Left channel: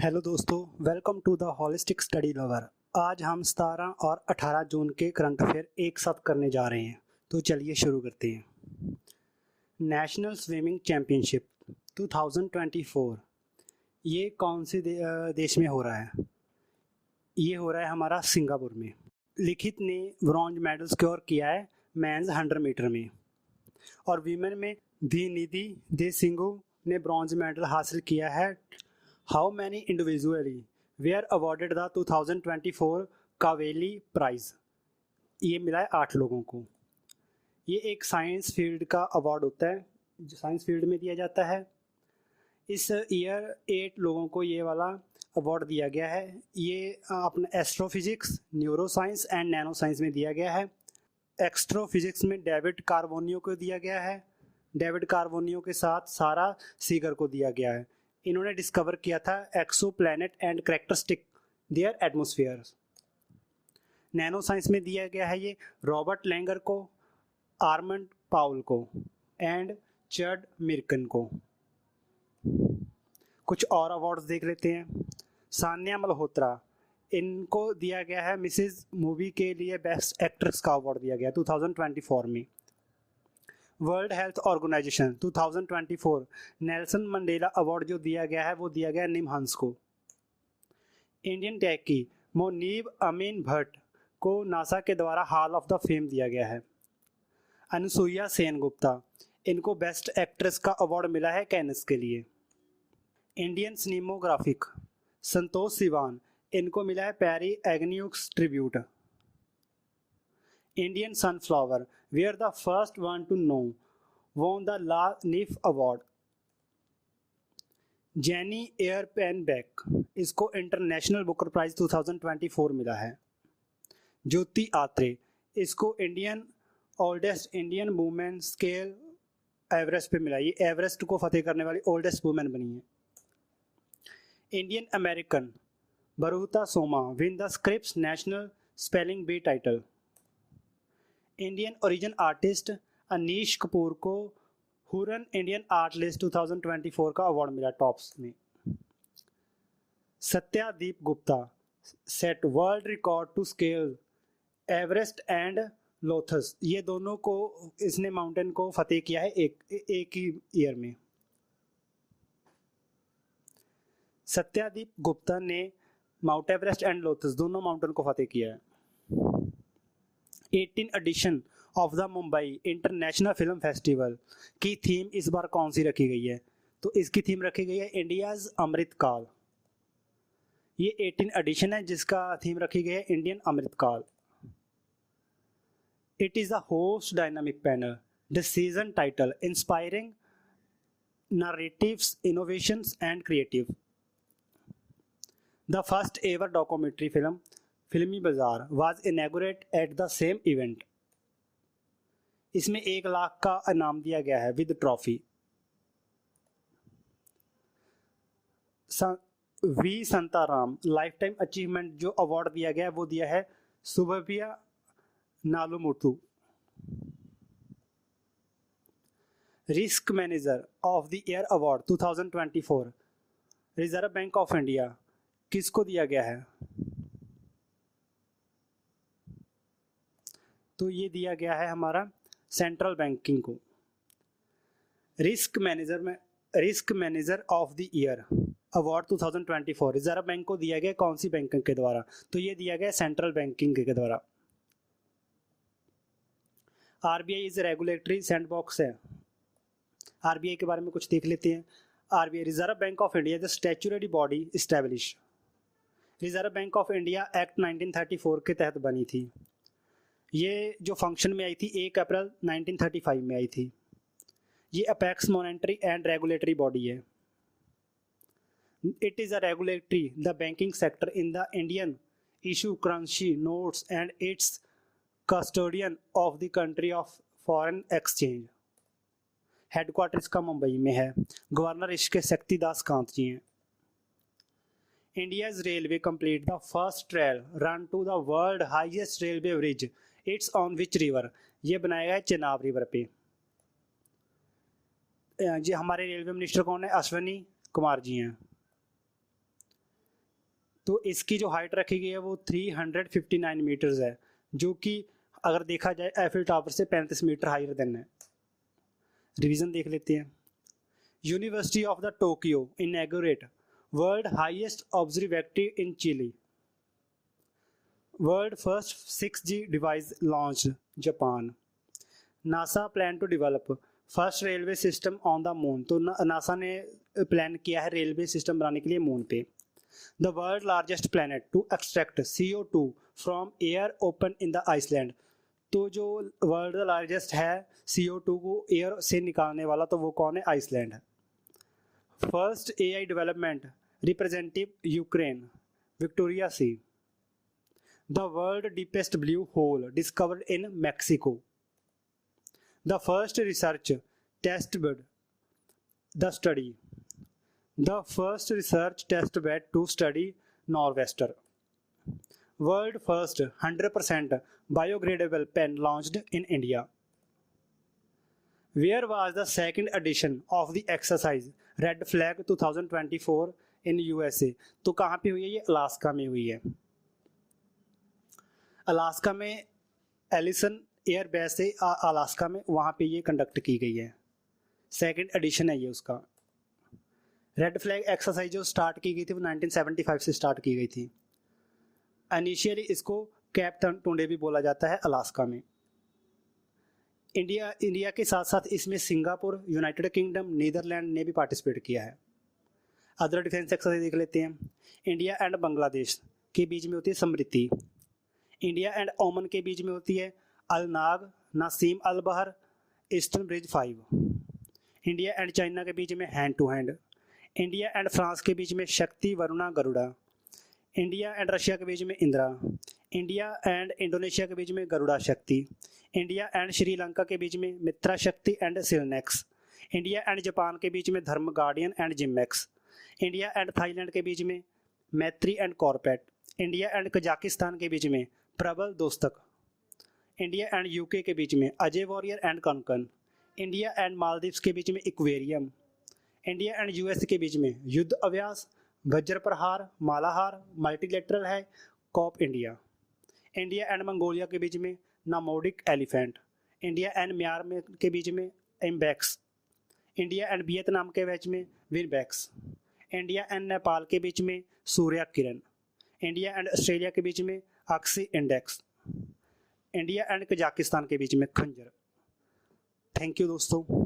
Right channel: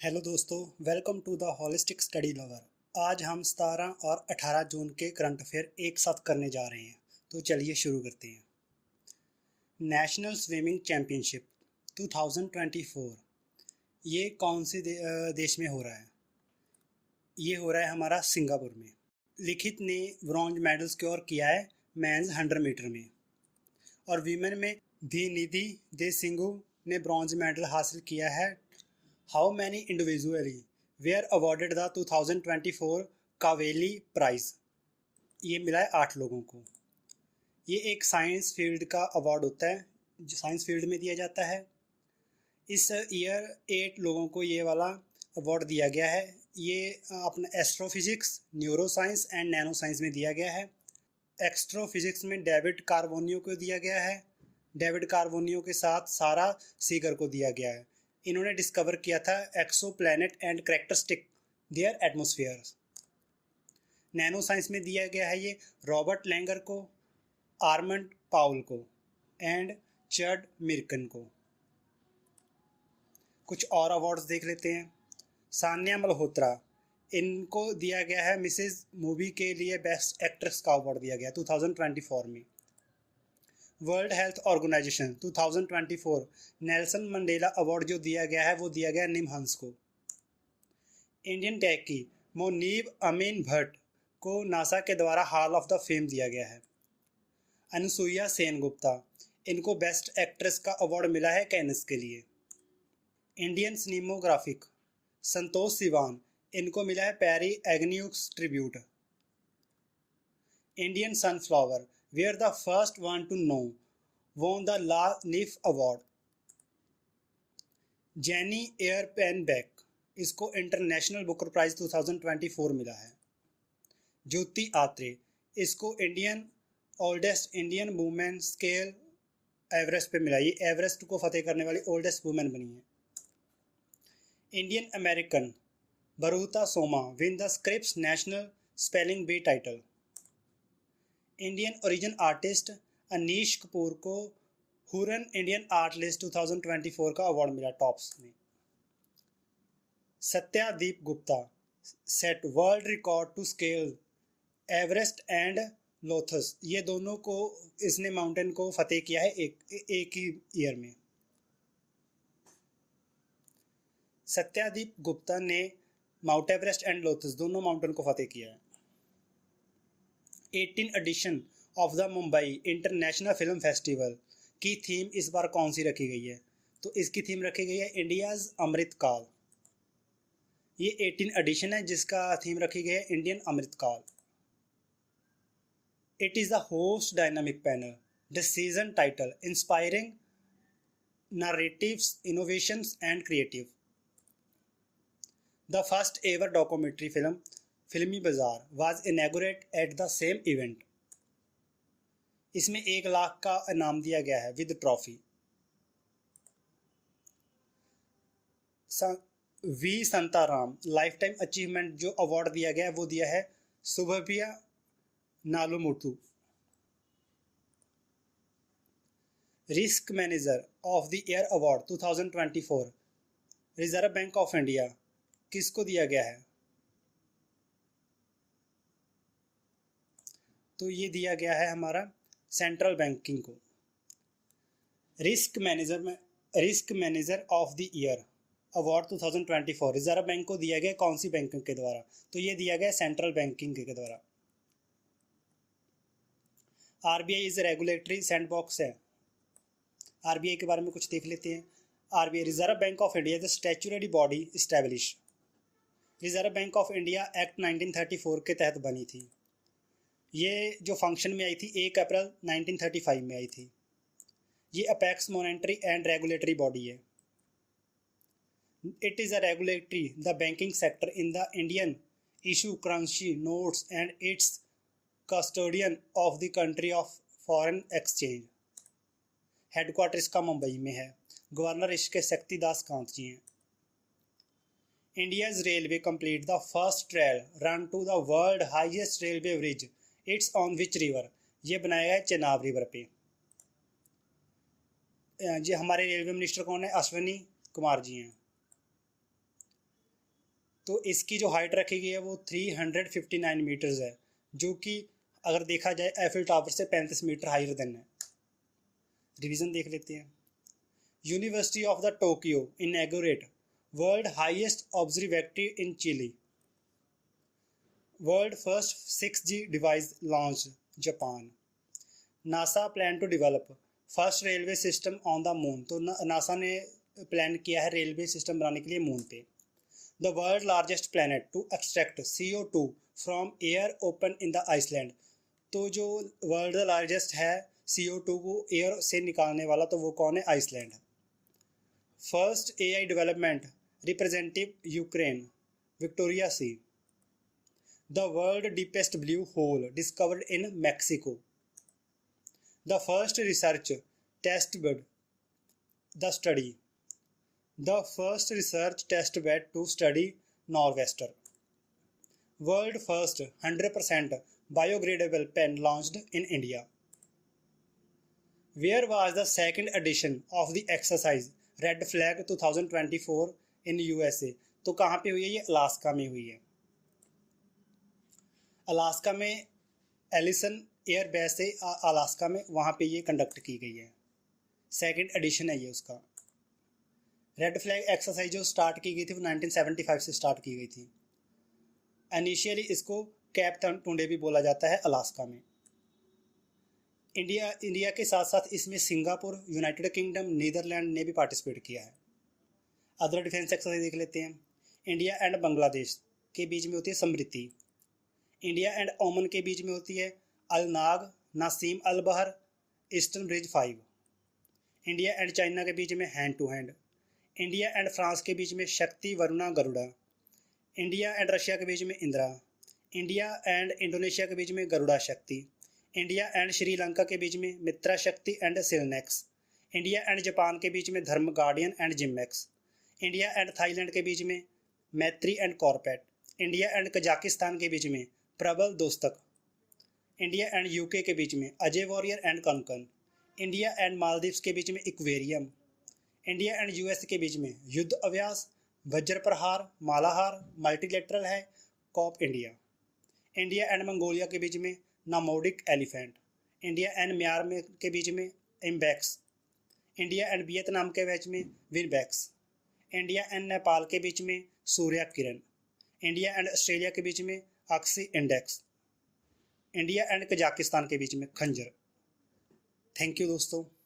Hello दोस्तों, welcome to the holistic study lover. आज हम 17 और 18 जून के करंट अफेयर एक साथ करने जा रहे हैं, तो चलिए शुरू करते हैं। नेशनल स्विमिंग चैम्पियनशिप 2024 ये कौन से देश में हो रहा है? ये हो रहा है हमारा सिंगापुर में। लिखित ने ब्रॉन्ज मेडल स्कोर किया है मेंस 100 मीटर में, और वीमेन में निधि दे सिंगू ने ब्रॉन्ज मेडल हासिल किया है। How many individually were awarded the 2024 Kavli prize? ये मिला है 8 लोगों को। ये एक साइंस फील्ड का अवार्ड होता है जो साइंस फील्ड में दिया जाता है। इस ईयर 8 लोगों को ये वाला अवार्ड दिया गया है। ये अपने astrophysics, neuro science and nano science में दिया गया है। एक्स्ट्रोफिजिक्स में डेविड कार्बोनियो को दिया गया है। डेविड कार्बोनियो के साथ सारा सीगर को दिया गया है। इन्होंने डिस्कवर किया था exoplanet and characteristic their atmosphere. Nano science में दिया गया है ये रॉबर्ट लैंगर को, आर्मंड पाउल को एंड चड मिर्कन को। कुछ और अवार्ड्स देख लेते हैं। सान्या मल्होत्रा, इनको दिया गया है मिसेज मूवी के लिए बेस्ट एक्ट्रेस का अवार्ड दिया गया 2024 में। World Health Organization 2024 Nelson Mandela award जो दिया गया है वो दिया गया निमहंस को। इंडियन टैकी मोनीब अमीन भट्ट को नासा के द्वारा हॉल ऑफ द फेम दिया गया है। अनुसुईया सेनगुप्ता, इनको बेस्ट एक्ट्रेस का अवार्ड मिला है कैनिस के लिए। इंडियन सिनेमोग्राफिक संतोष सिवान, इनको मिला है पैरी एग्न्यूक्स tribute. Indian Sunflower were the first one to know won the La Nif Award. Jenny air pain back, इसको इंटरनेशनल बुकर प्राइज 2024 मिला है। ज्योति आत्रे, इसको Indian oldest Indian women scale Everest पे मिला। ये एवरेस्ट को फतेह करने वाली ओल्डेस्ट वुमेन बनी है। Indian American Bruhat Soma win the Scripps national spelling bee title. Indian origin artist Anish Kapoor को हुरन इंडियन आर्ट लिस्ट 2024 का अवार्ड मिला टॉप्स में। Satyadeep Gupta set world record to scale Everest and Lhotse, ये दोनों को इसने माउंटेन को फतेह किया है एक ही ईयर में। सत्यादीप गुप्ता ने माउंट एवरेस्ट एंड लोथस दोनों माउंटेन को फतेह किया है। 18 edition of the Mumbai international film festival की थीम इस बार कौन सी रखी गई है? तो इसकी थीम रखी गई है इंडियाज़ अमृतकाल। ये 18 एडिशन है जिसका थीम रखी गई है Indian Amritkaal. It is the host dynamic panel decision title inspiring narratives, innovations and creative. The first ever documentary film, फिल्मी बाजार, was inaugurated at the same event. इसमें 1 लाख का इनाम दिया गया है with trophy. V Shantaram lifetime achievement जो award दिया गया है वो दिया है Subbiah Nallamuthu. Risk manager of the year award 2024 Reserve Bank of India किसको दिया गया है? तो ये दिया गया है हमारा सेंट्रल बैंकिंग को। Risk manager of the year award 2024 Reserve bank को दिया गया कौन सी बैंक के द्वारा? तो ये दिया गया सेंट्रल बैंकिंग के द्वारा। आरबीआई इज रेगुलेटरी सैंडबॉक्स है। आरबीआई के बारे में कुछ देख लेते हैं। RBI reserve Bank of India the statutory body establish. Reserve Bank of India act 1934 के तहत बनी थी। ये जो फंक्शन में आई थी 1 अप्रैल 1935 में आई थी। ये apex monetary and regulatory body है। It is a regulatory the banking sector in the Indian issue currency notes and it's custodian of the country of foreign exchange. Headquarter इसका मुंबई में है। गवर्नर इसके शक्तिदास कांत जी हैं। India's railway complete the first trail run to the world highest railway bridge it's on which river. ये बनाया है Chenab river पे। जी हमारे रेलवे मिनिस्टर कौन है? अश्विनी कुमार जी हैं। तो इसकी जो हाइट रखी गई है वो 359 मीटर्स है, जो कि अगर देखा जाए एफिल टावर से 35 मीटर हायर देन है। रिवीजन देख लेते हैं। University of the Tokyo inaugurate world highest observatory in Chile. World first 6G device launch Japan. NASA plan to develop first railway system on the moon. तो NASA ने plan किया है railway system बनाने के लिए मून पे। The world largest planet to extract CO2 from air open in the Iceland. तो जो वर्ल्ड लार्जेस्ट है CO2 को एयर से निकालने वाला, तो वो कौन है? आइसलैंड है। First AI development representative Ukraine Victoria C. The world deepest blue hole discovered in Mexico. The first research test bed the study. The first research test bed to study Norwester. World first 100% biodegradable pen launched in India. Where was the second edition of the exercise Red Flag 2024 in USA? तो कहाँ पे हुई है ये? Alaska में हुई है। Alaska में एलिसन एयर बेस से अलास्का में वहाँ पे ये कंडक्ट की गई है। सेकंड एडिशन है ये उसका। रेड फ्लैग एक्सरसाइज जो स्टार्ट की गई थी वो 1975 से स्टार्ट की गई थी। इनिशियली इसको कैप टुंडे भी बोला जाता है अलास्का में। इंडिया के साथ साथ इसमें सिंगापुर, यूनाइटेड किंगडम, नीदरलैंड ने भी पार्टिसिपेट किया है। अदर डिफेंस एक्सरसाइज देख लेते हैं। इंडिया एंड बांग्लादेश के बीच में होती है समृद्धि। इंडिया एंड ओमन के बीच में होती है अलनाग, Naseem Al Bahr, eastern bridge 5। India and China के बीच में hand to hand. India and France के बीच में Shakti, Varuna, Garuda. India and Russia के बीच में इंदिरा। इंडिया एंड इंडोनेशिया के बीच में गरुड़ा शक्ति। इंडिया एंड श्रीलंका के बीच में मित्रा शक्ति एंड सिलनेक्स। इंडिया एंड जापान के बीच में धर्म guardian and JIMEX. India and Thailand के बीच में मैत्री एंड कॉर्पेट। इंडिया एंड कजाकिस्तान के बीच में प्रबल दोस्तक। इंडिया एंड UK के बीच में Ajay warrior and Konkan. India and Maldives के बीच में इक्वेरियम। इंडिया एंड US के बीच में युद्ध अभ्यास, वज्र प्रहार, मालाहार, मल्टीलेटरल है, Cope India. India and Mongolia के बीच में nomadic elephant. India and Myanmar के बीच में एम्बेक्स। इंडिया एंड वियतनाम के बीच में विनबैक्स। इंडिया एंड नेपाल के बीच में सूर्या किरण। इंडिया एंड ऑस्ट्रेलिया के बीच में oxy index. India and Kazakhstan के बीच में खंजर। थैंक यू दोस्तों।